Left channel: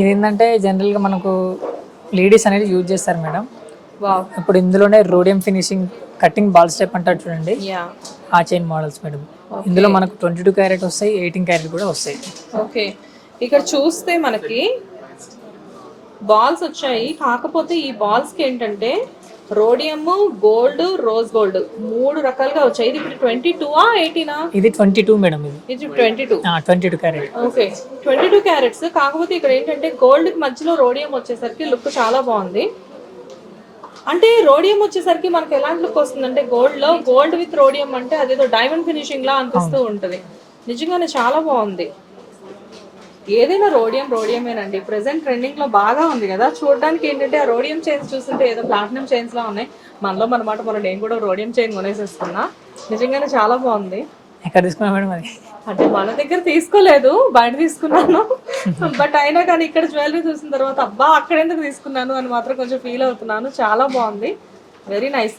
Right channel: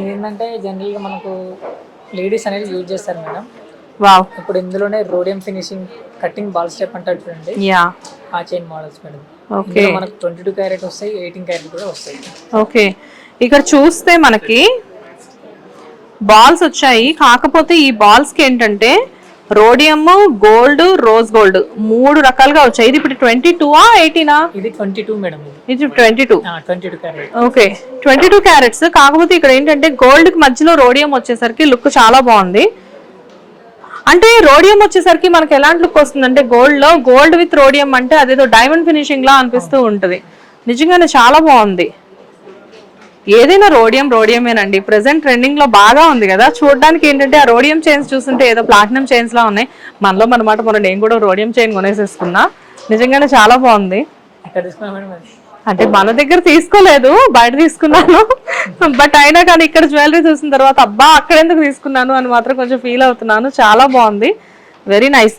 ఇది ఏంటంటే జనరల్గా మనకు లేడీస్ అనేది యూజ్ చేస్తారు మేడం. వావ్. ఇప్పుడు ఇందులోనే rhodium finishing cutting ball step అంటారు చూడండి, యా. ఆ చైన్ మోడల్స్ మేడం. ఓకే. ఇందులో మనకు 22 క్యారెట్ వస్తాయి, 18 క్యారెట్ కూడా వస్తాయి. ఓకే, ఇక్కడ చూస్తే మనకి బాల్స్ వచ్చాయి. కాకపోతే ఈ బాల్స్ కి ఏంటంటే రోడియం, గోల్డ్, రోజ్ గోల్డ్ 3 రకాలుగా వచ్చాయి. ఇది ఇప్పుడు 22ఆ 18ఆ? ఇది 22 మేడం. ఇది 22. 22 క్యారెట్. Okay, 22 carrots. కాకపోతే ఇక్కడ ఏంటంటే గోల్డ్ కి మధ్యలో రోడియం వచ్చేసరికి లుక్ చాలా బాగుంది. అంటే రోడియం వచ్చేసరికి మనకి ఎలాంటి లుక్ వస్తుంది అంటే గోల్డ్ లో గోల్డ్ విత్ రోడియం అంటే అదేదో డైమండ్ ఫినిషింగ్ లా అనిపిస్తూ ఉంటది. నిజంగానే చాలా బాగుంది. ఏదైనా రోడియమేనండి. ప్రెసెంట్ ట్రెండింగ్ లో బాగా ఉంది కదా. చూడడానికి ఏంటంటే ఆ రోడియం చైన్స్ చూస్తుంటే ఏదో ప్లాటినం చైన్స్ లా ఉన్నాయి. మనలో మనమాట మొన్న నేను కూడా రోడియం చైన్ కొనేసేసుకున్నా. నిజంగానే చాలా బాగుంది. ఎక్కడ తీసుకున్నా మేడం అది? అంటే మన దగ్గర తీసుకోలేదు, బయట తీసుకున్నాను. బట్ అయినా కానీ ఇక్కడ జ్యువెలరీ చూసిన తర్వాత అబ్బా అక్కడ ఎందుకు తీసుకున్నాను అని మాత్రం కొంచెం ఫీల్ అవుతున్నాను. చాలా బాగుంది, వెరీ నైస్.